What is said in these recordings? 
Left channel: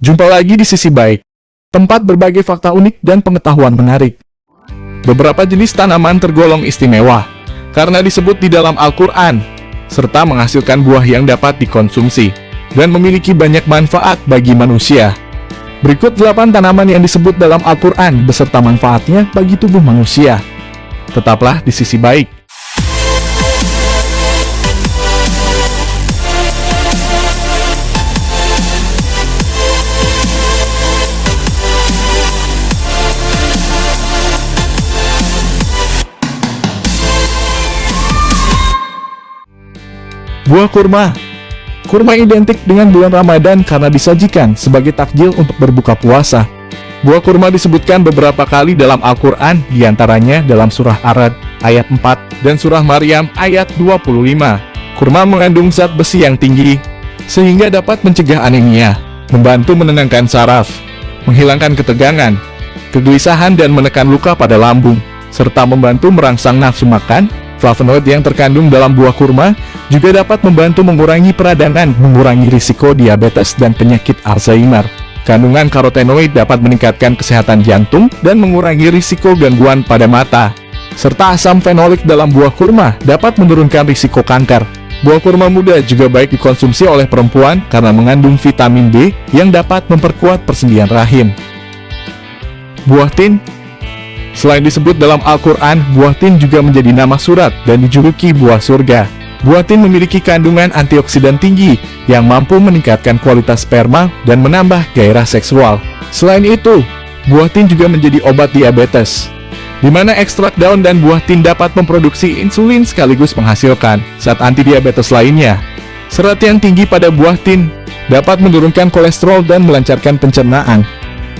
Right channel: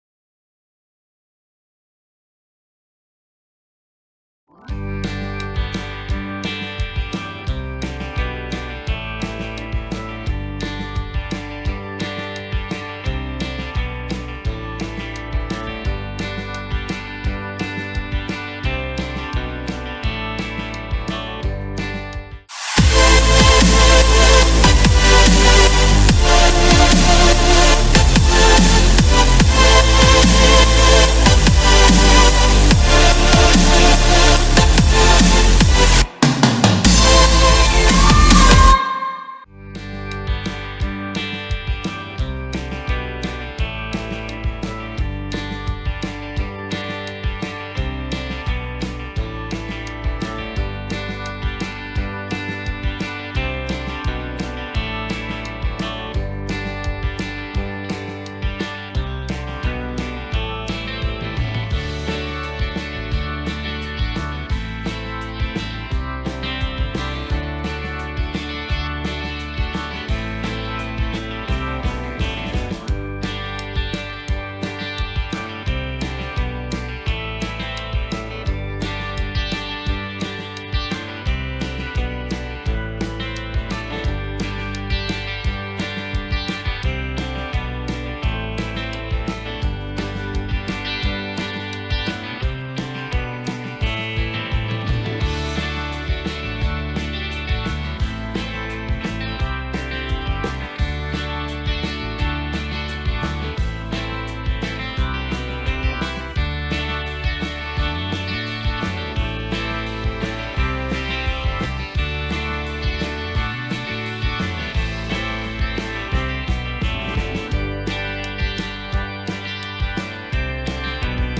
Jumpa lagi di Sisi Baik, tempat berbagai fakta unik dan pengetahuan menarik. Beberapa jenis tanaman tergolong istimewa karena disebut di dalam Al-Quran, serta menghasilkan buah yang dapat dikonsumsi dan memiliki banyak manfaat bagi manusia. Berikut 8 tanaman yang disebut dalam Al-Quran beserta manfaatnya bagi tubuh manusia. Tetaplah di Sisi Baik. Buah kurma. Kurma identik dengan bulan Ramadan karena disajikan sebagai takjil untuk berbuka puasa. Buah kurma disebutkan beberapa kali dalam Al-Quran, diantaranya dalam surah Ar-Ra'd ayat 4 dan surah Maryam ayat 25. Kurma mengandung zat besi yang tinggi, sehingga dapat mencegah anemia, membantu menenangkan saraf, menghilangkan ketegangan, kegelisahan dan menekan luka pada lambung, serta membantu merangsang nafsu makan. Flavonoid yang terkandung dalam buah kurma juga dapat membantu mengurangi peradangan, mengurangi risiko diabetes dan penyakit Alzheimer. Kandungan karotenoid dapat meningkatkan kesehatan jantung dan mengurangi risiko gangguan pada mata. Serta asam fenolik dalam buah kurma dapat menurunkan risiko kanker. Buah kurma muda juga baik dikonsumsi oleh perempuan karena mengandung vitamin B yang dapat memperkuat persendian rahim. Buah tin. Selain disebut dalam Al-Quran, buah tin juga menjadi nama surat dan dijuluki buah surga. Buah tin memiliki kandungan antioksidan tinggi yang mampu meningkatkan kualitas sperma dan menambah gairah seksual. Selain itu, buah tin juga menjadi obat diabetes, di mana ekstrak daun dan buah tin dapat memproduksi insulin sekaligus menghasilkan zat antidiabetes lainnya. Serat yang tinggi pada buah tin dapat menurunkan kolesterol dan melancarkan pencernaan.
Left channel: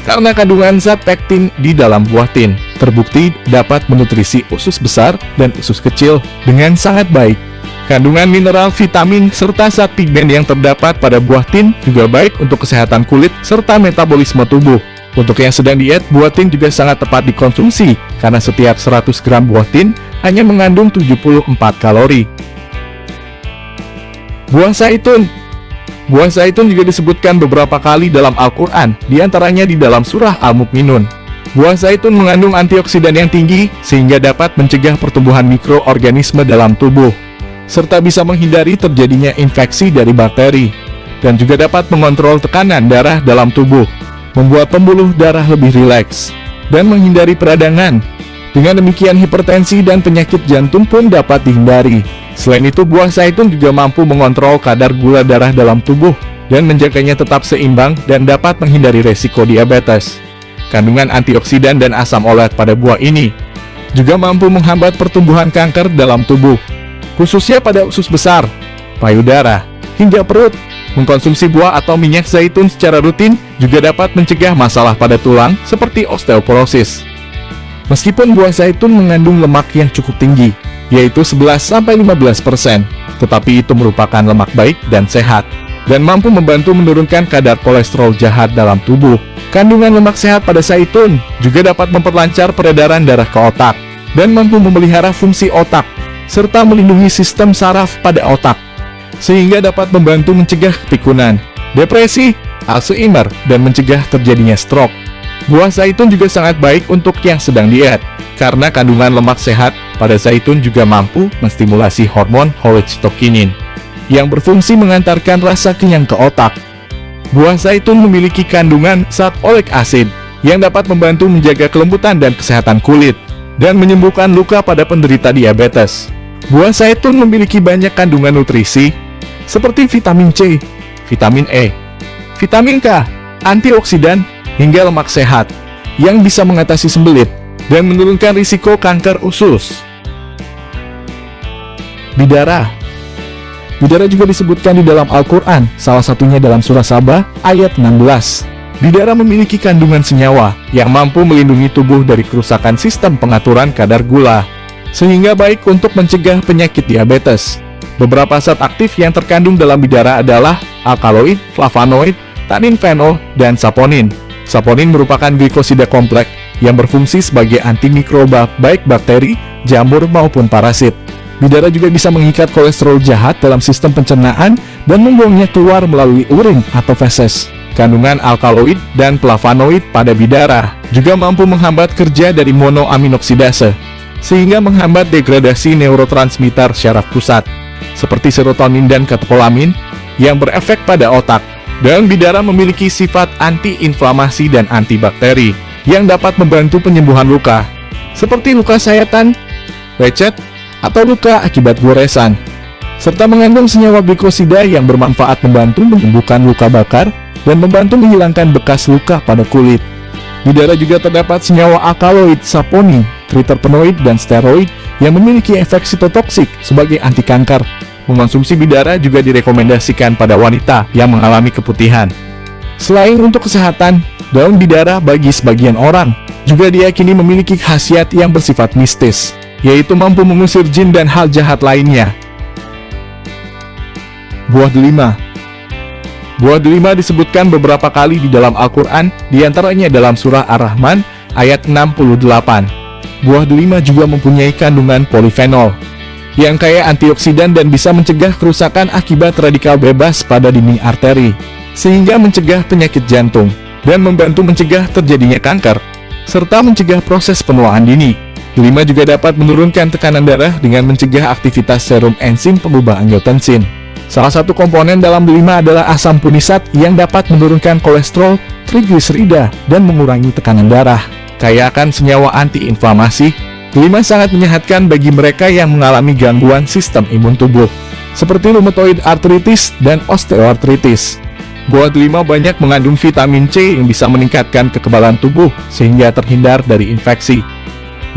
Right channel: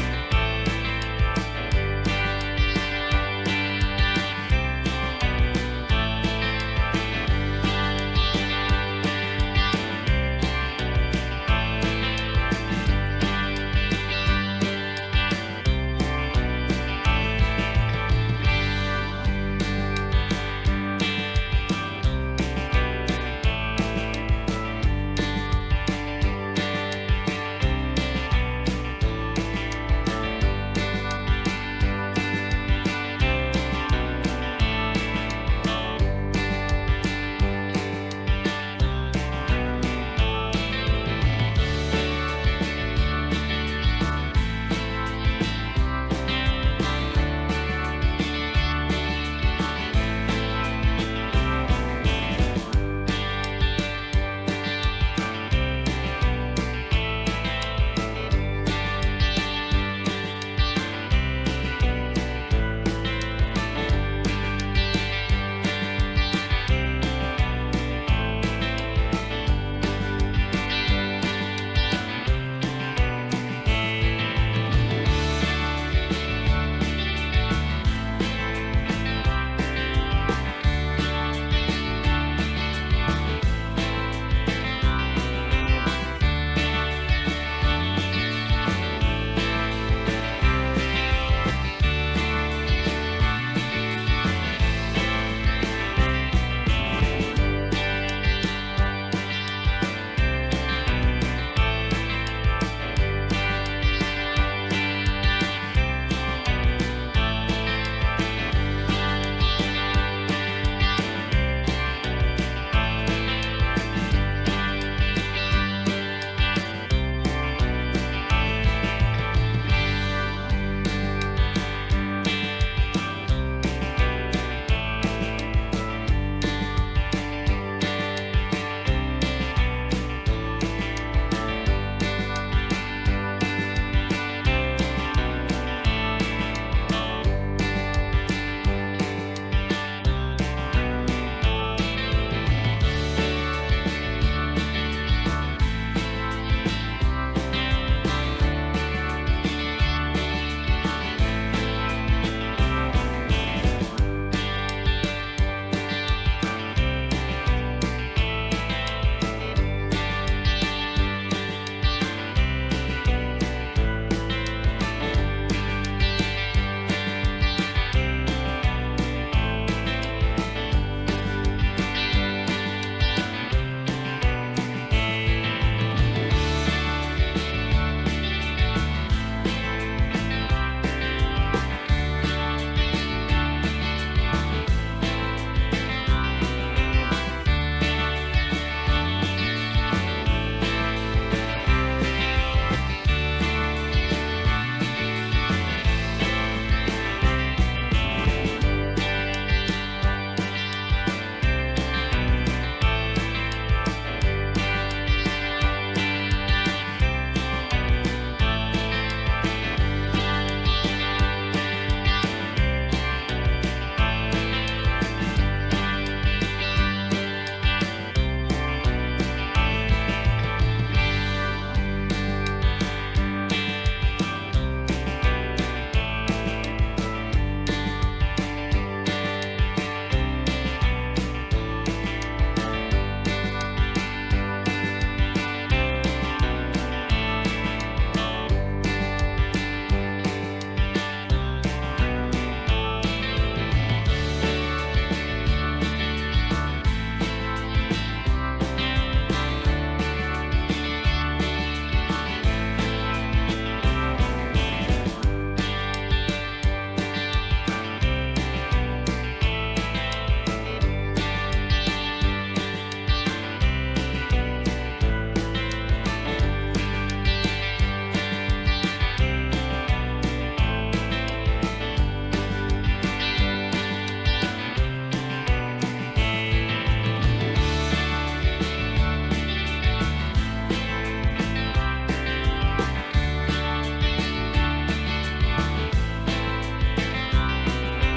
Karena kandungan zat pektin di dalam buah tin terbukti dapat menutrisi usus besar dan usus kecil dengan sangat baik. Kandungan mineral, vitamin, serta zat pigmen yang terdapat pada buah tin juga baik untuk kesehatan kulit serta metabolisme tubuh. Untuk yang sedang diet, buah tin juga sangat tepat dikonsumsi karena setiap 100 gram buah tin hanya mengandung 74 kalori. Buah zaitun. Buah zaitun juga disebutkan beberapa kali dalam Al-Quran, diantaranya di dalam surah Al-Mu'minun. Buah zaitun mengandung antioksidan yang tinggi, sehingga dapat mencegah pertumbuhan mikroorganisme dalam tubuh, serta bisa menghindari terjadinya infeksi dari bakteri, dan juga dapat mengontrol tekanan darah dalam tubuh, membuat pembuluh darah lebih rileks, dan menghindari peradangan. Dengan demikian, hipertensi dan penyakit jantung pun dapat dihindari. Selain itu, buah zaitun juga mampu mengontrol kadar gula darah dalam tubuh dan menjaganya tetap seimbang dan dapat menghindari resiko diabetes. Kandungan antioksidan dan asam olet pada buah ini juga mampu menghambat pertumbuhan kanker dalam tubuh, khususnya pada usus besar, payudara, hingga perut. Mengkonsumsi buah atau minyak zaitun secara rutin juga dapat mencegah masalah pada tulang seperti osteoporosis. Meskipun buah zaitun mengandung lemak yang cukup tinggi, yaitu 11-15%, tetapi itu merupakan lemak baik dan sehat, dan mampu membantu menurunkan kadar kolesterol jahat dalam tubuh. Kandungan lemak sehat pada zaitun juga dapat memperlancar peredaran darah ke otak, dan mampu memelihara fungsi otak, serta melindungi sistem saraf pada otak, sehingga dapat membantu mencegah pikunan, depresi, Alzheimer, dan mencegah terjadinya stroke. Buah zaitun juga sangat baik untuk yang sedang diet, karena kandungan lemak sehat pada zaitun juga mampu menstimulasi hormon cholecystokinin, yang berfungsi mengantarkan rasa kenyang ke otak. Buah zaitun memiliki kandungan zat oleic acid, yang dapat membantu menjaga kelembutan dan kesehatan kulit, dan menyembuhkan luka pada penderita diabetes. Buah zaitun memiliki banyak kandungan nutrisi, seperti vitamin C, vitamin E, vitamin K, antioksidan, hingga lemak sehat, yang bisa mengatasi sembelit dan menurunkan risiko kanker usus. Bidara. Bidara juga disebutkan di dalam Al-Quran, salah satunya dalam surah Saba, ayat 16. Bidara memiliki kandungan senyawa yang mampu melindungi tubuh dari kerusakan sistem pengaturan kadar gula, sehingga baik untuk mencegah penyakit diabetes. Beberapa zat aktif yang terkandung dalam bidara adalah alkaloid, flavonoid, tanin fenol, dan saponin. Saponin merupakan glikosida kompleks yang berfungsi sebagai antimikroba baik bakteri, jamur maupun parasit. Bidara juga bisa mengikat kolesterol jahat dalam sistem pencernaan dan membuangnya keluar melalui urin atau feses. Kandungan alkaloid dan flavonoid pada bidara juga mampu menghambat kerja dari monoaminoksidase, sehingga menghambat degradasi neurotransmitter syaraf pusat, seperti serotonin dan katekolamin, yang berefek pada otak. Daun bidara memiliki sifat anti-inflamasi dan antibakteri, yang dapat membantu penyembuhan luka, seperti luka sayatan, lecet, atau luka akibat goresan, serta mengandung senyawa glikosida yang bermanfaat membantu menyembuhkan luka bakar dan membantu menghilangkan bekas luka pada kulit. Bidara juga terdapat senyawa alkaloid, saponin, triterpenoid, dan steroid yang memiliki efek sitotoksik sebagai anti kanker. Mengonsumsi bidara juga direkomendasikan pada wanita yang mengalami keputihan. Selain untuk kesehatan, daun bidara bagi sebagian orang juga diyakini memiliki khasiat yang bersifat mistis, yaitu mampu mengusir jin dan hal jahat lainnya. Buah delima. Buah delima disebutkan beberapa kali di dalam Al-Quran, diantaranya dalam surah Ar-Rahman, ayat 68. Buah delima juga mempunyai kandungan polifenol, yang kaya antioksidan dan bisa mencegah kerusakan akibat radikal bebas pada dinding arteri, sehingga mencegah penyakit jantung, dan membantu mencegah terjadinya kanker, serta mencegah proses penuaan dini. Delima juga dapat menurunkan tekanan darah dengan mencegah aktivitas serum enzim pengubah angiotensin. Salah satu komponen dalam delima adalah asam punisat yang dapat menurunkan kolesterol, trigliserida, dan mengurangi tekanan darah. Kaya akan senyawa antiinflamasi, delima sangat menyehatkan bagi mereka yang mengalami gangguan sistem imun tubuh, seperti rheumatoid arthritis dan osteoartritis. Buah delima banyak mengandung vitamin C yang bisa meningkatkan kekebalan tubuh sehingga terhindar dari infeksi.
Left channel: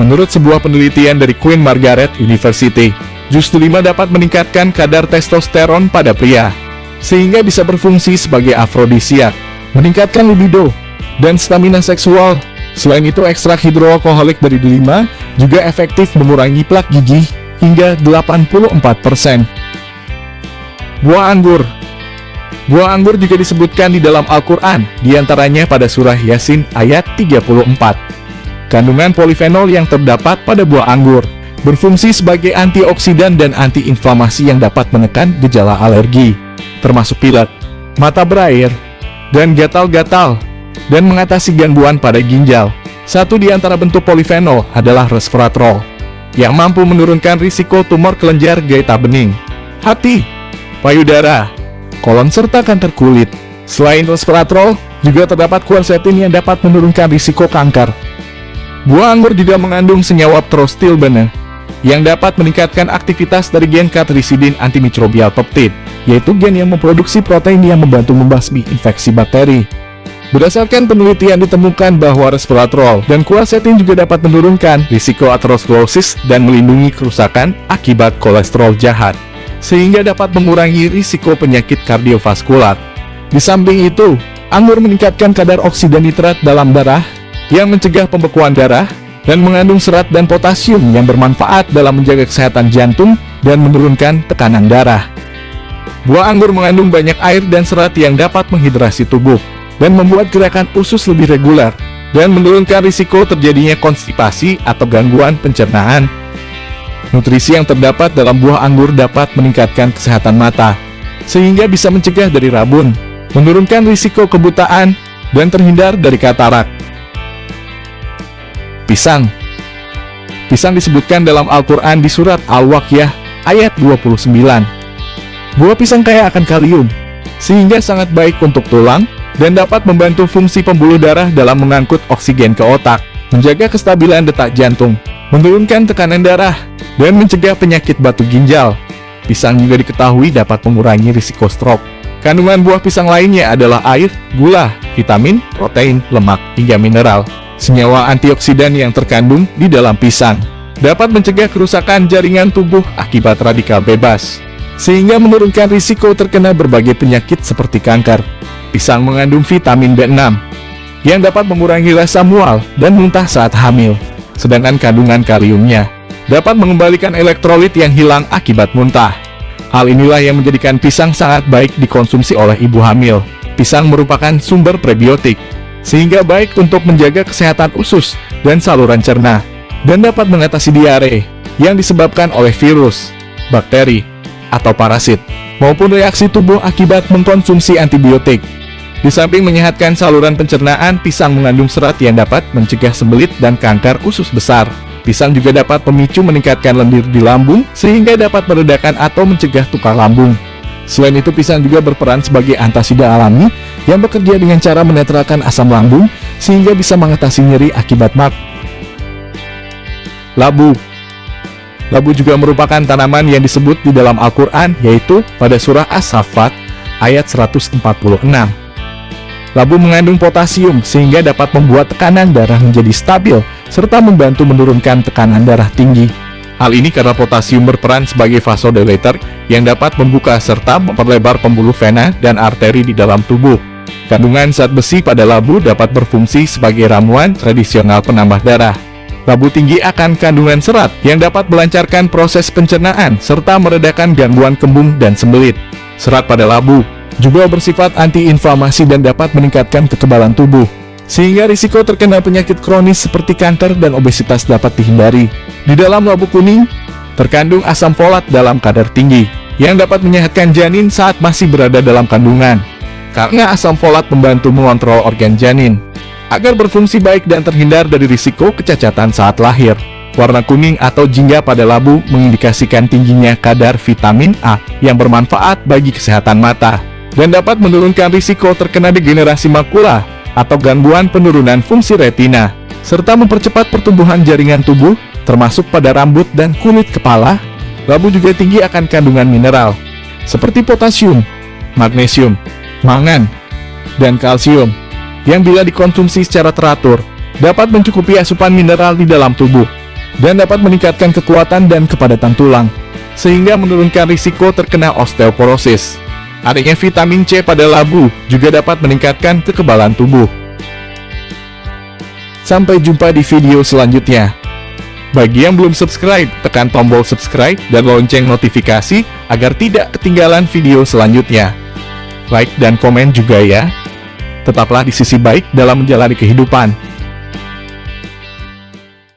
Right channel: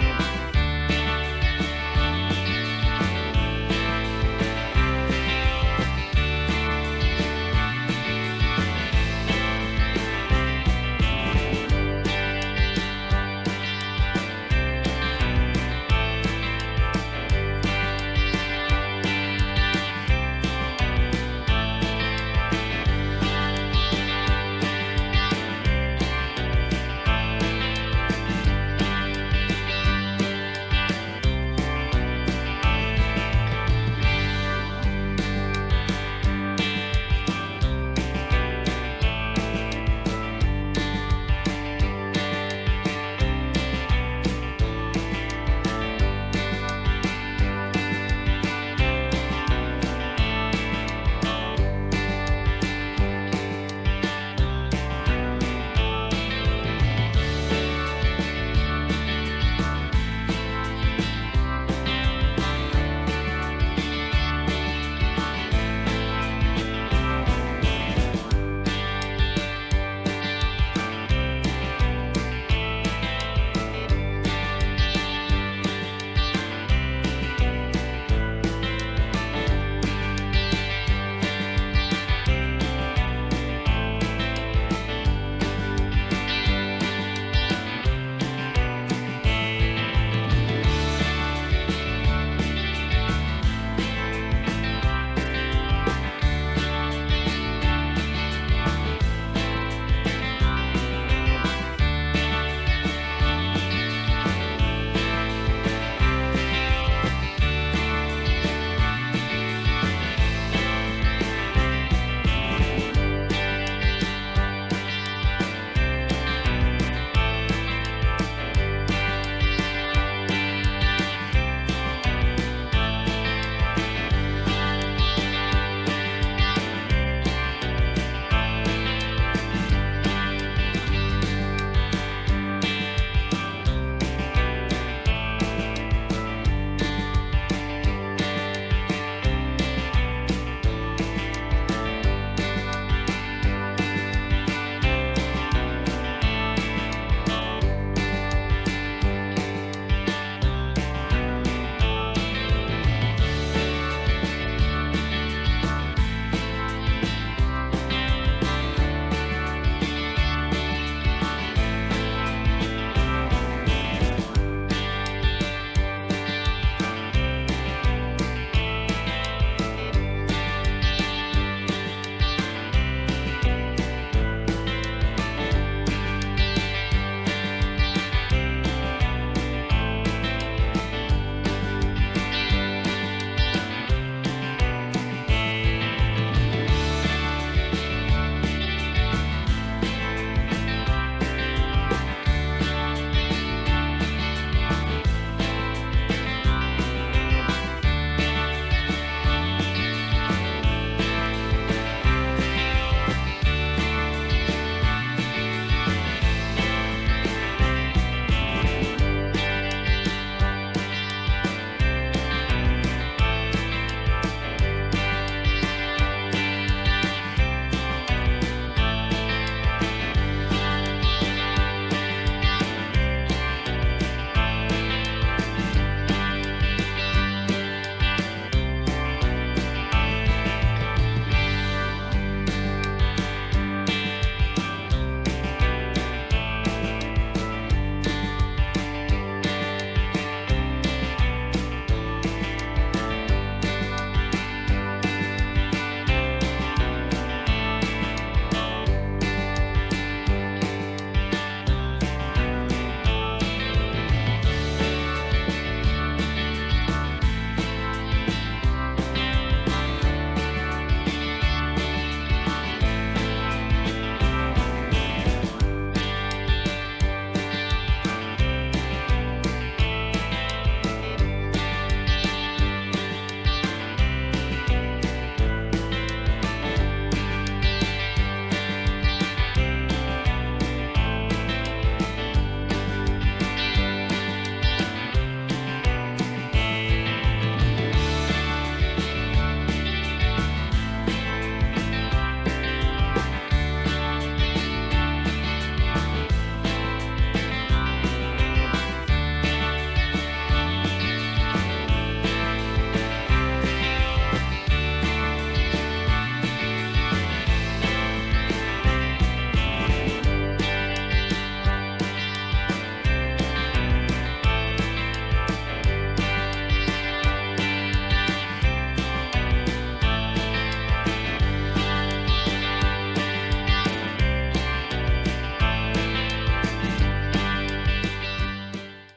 Menurut sebuah penelitian dari Queen Margaret University, jus delima dapat meningkatkan kadar testosteron pada pria, sehingga bisa berfungsi sebagai afrodisiak, meningkatkan libido, dan stamina seksual. Selain itu, ekstrak hidroalkoholik dari delima juga efektif mengurangi plak gigi hingga 84%. Buah anggur. Buah anggur juga disebutkan di dalam Al-Quran, diantaranya pada surah Yasin ayat 34. Kandungan polifenol yang terdapat pada buah anggur berfungsi sebagai antioksidan dan antiinflamasi yang dapat menekan gejala alergi, termasuk pilek, mata berair, dan gatal-gatal, dan mengatasi gangguan pada ginjal. Satu di antara bentuk polifenol adalah resveratrol, yang mampu menurunkan risiko tumor kelenjar gaeta bening, hati, payudara, kolon, serta kanker kulit. Selain resveratrol, juga terdapat quercetin yang dapat menurunkan risiko kanker. Buah anggur juga mengandung senyawa prostilbene, yang dapat meningkatkan aktivitas dari gen cathelicidin antimicrobial peptide, yaitu gen yang memproduksi protein yang membantu membasmi infeksi bakteri. Berdasarkan penelitian ditemukan bahwa resveratrol dan quercetin juga dapat menurunkan risiko aterosklerosis dan melindungi kerusakan akibat kolesterol jahat, sehingga dapat mengurangi risiko penyakit kardiovaskular. Di samping itu, anggur meningkatkan kadar oksida nitrat dalam darah, yang mencegah pembekuan darah, dan mengandung serat dan potasium yang bermanfaat dalam menjaga kesehatan jantung dan menurunkan tekanan darah. Buah anggur mengandung banyak air dan serat yang dapat menghidrasi tubuh, dan membuat gerakan usus lebih reguler, dan menurunkan risiko terjadinya konstipasi atau gangguan pencernaan. Nutrisi yang terdapat dalam buah anggur dapat meningkatkan kesehatan mata, sehingga bisa mencegah dari rabun, menurunkan risiko kebutaan, dan terhindar dari katarak. Pisang. Pisang disebutkan dalam Al-Quran di surat Al-Waqiah ayat 29. Buah pisang kaya akan kalium, sehingga sangat baik untuk tulang, dan dapat membantu fungsi pembuluh darah dalam mengangkut oksigen ke otak, menjaga kestabilan detak jantung, menurunkan tekanan darah, dan mencegah penyakit batu ginjal. Pisang juga diketahui dapat mengurangi risiko stroke. Kandungan buah pisang lainnya adalah air, gula, vitamin, protein, lemak, hingga mineral. Senyawa antioksidan yang terkandung di dalam pisang dapat mencegah kerusakan jaringan tubuh akibat radikal bebas, sehingga menurunkan risiko terkena berbagai penyakit seperti kanker. Pisang mengandung vitamin B6, yang dapat mengurangi rasa mual dan muntah saat hamil, sedangkan kandungan kaliumnya dapat mengembalikan elektrolit yang hilang akibat muntah. Hal inilah yang menjadikan pisang sangat baik dikonsumsi oleh ibu hamil. Pisang merupakan sumber prebiotik, sehingga baik untuk menjaga kesehatan usus dan saluran cerna, dan dapat mengatasi diare yang disebabkan oleh virus, bakteri, atau parasit, maupun reaksi tubuh akibat mengkonsumsi antibiotik. Di samping menyehatkan saluran pencernaan, pisang mengandung serat yang dapat mencegah sembelit dan kanker usus besar. Pisang juga dapat memicu meningkatkan lendir di lambung, sehingga dapat meredakan atau mencegah tukar lambung. Selain itu, pisang juga berperan sebagai antasida alami yang bekerja dengan cara menetralkan asam lambung, sehingga bisa mengatasi nyeri akibat MAG. Labu. Labu juga merupakan tanaman yang disebut di dalam Al-Quran, yaitu pada surah As-Saffat, ayat 146. Labu mengandung potasium sehingga dapat membuat tekanan darah menjadi stabil, serta membantu menurunkan tekanan darah tinggi. Hal ini karena potasium berperan sebagai vasodilator yang dapat membuka serta memperlebar pembuluh vena dan arteri di dalam tubuh. Kandungan zat besi pada labu dapat berfungsi sebagai ramuan tradisional penambah darah. Labu tinggi akan kandungan serat yang dapat melancarkan proses pencernaan serta meredakan gangguan kembung dan sembelit. Serat pada labu juga bersifat antiinflamasi dan dapat meningkatkan kekebalan tubuh, sehingga risiko terkena penyakit kronis seperti kanker dan obesitas dapat dihindari. Di dalam labu kuning, terkandung asam folat dalam kadar tinggi, yang dapat menyehatkan janin saat masih berada dalam kandungan. Karena asam folat membantu mengontrol organ janin, agar berfungsi baik dan terhindar dari risiko kecacatan saat lahir. Warna kuning atau jingga pada labu mengindikasikan tingginya kadar vitamin A yang bermanfaat bagi kesehatan mata, dan dapat menurunkan risiko terkena degenerasi makula atau gangguan penurunan fungsi retina, serta mempercepat pertumbuhan jaringan tubuh, termasuk pada rambut dan kulit kepala. Labu juga tinggi akan kandungan mineral, seperti potasium, magnesium, mangan, dan kalsium, yang bila dikonsumsi secara teratur, dapat mencukupi asupan mineral di dalam tubuh, dan dapat meningkatkan kekuatan dan kepadatan tulang, sehingga menurunkan risiko terkena osteoporosis. Adanya vitamin C pada labu juga dapat meningkatkan kekebalan tubuh. Sampai jumpa di video selanjutnya. Bagi yang belum subscribe, tekan tombol subscribe dan lonceng notifikasi agar tidak ketinggalan video selanjutnya. Like dan komen juga ya. Tetaplah di sisi baik dalam menjalani kehidupan.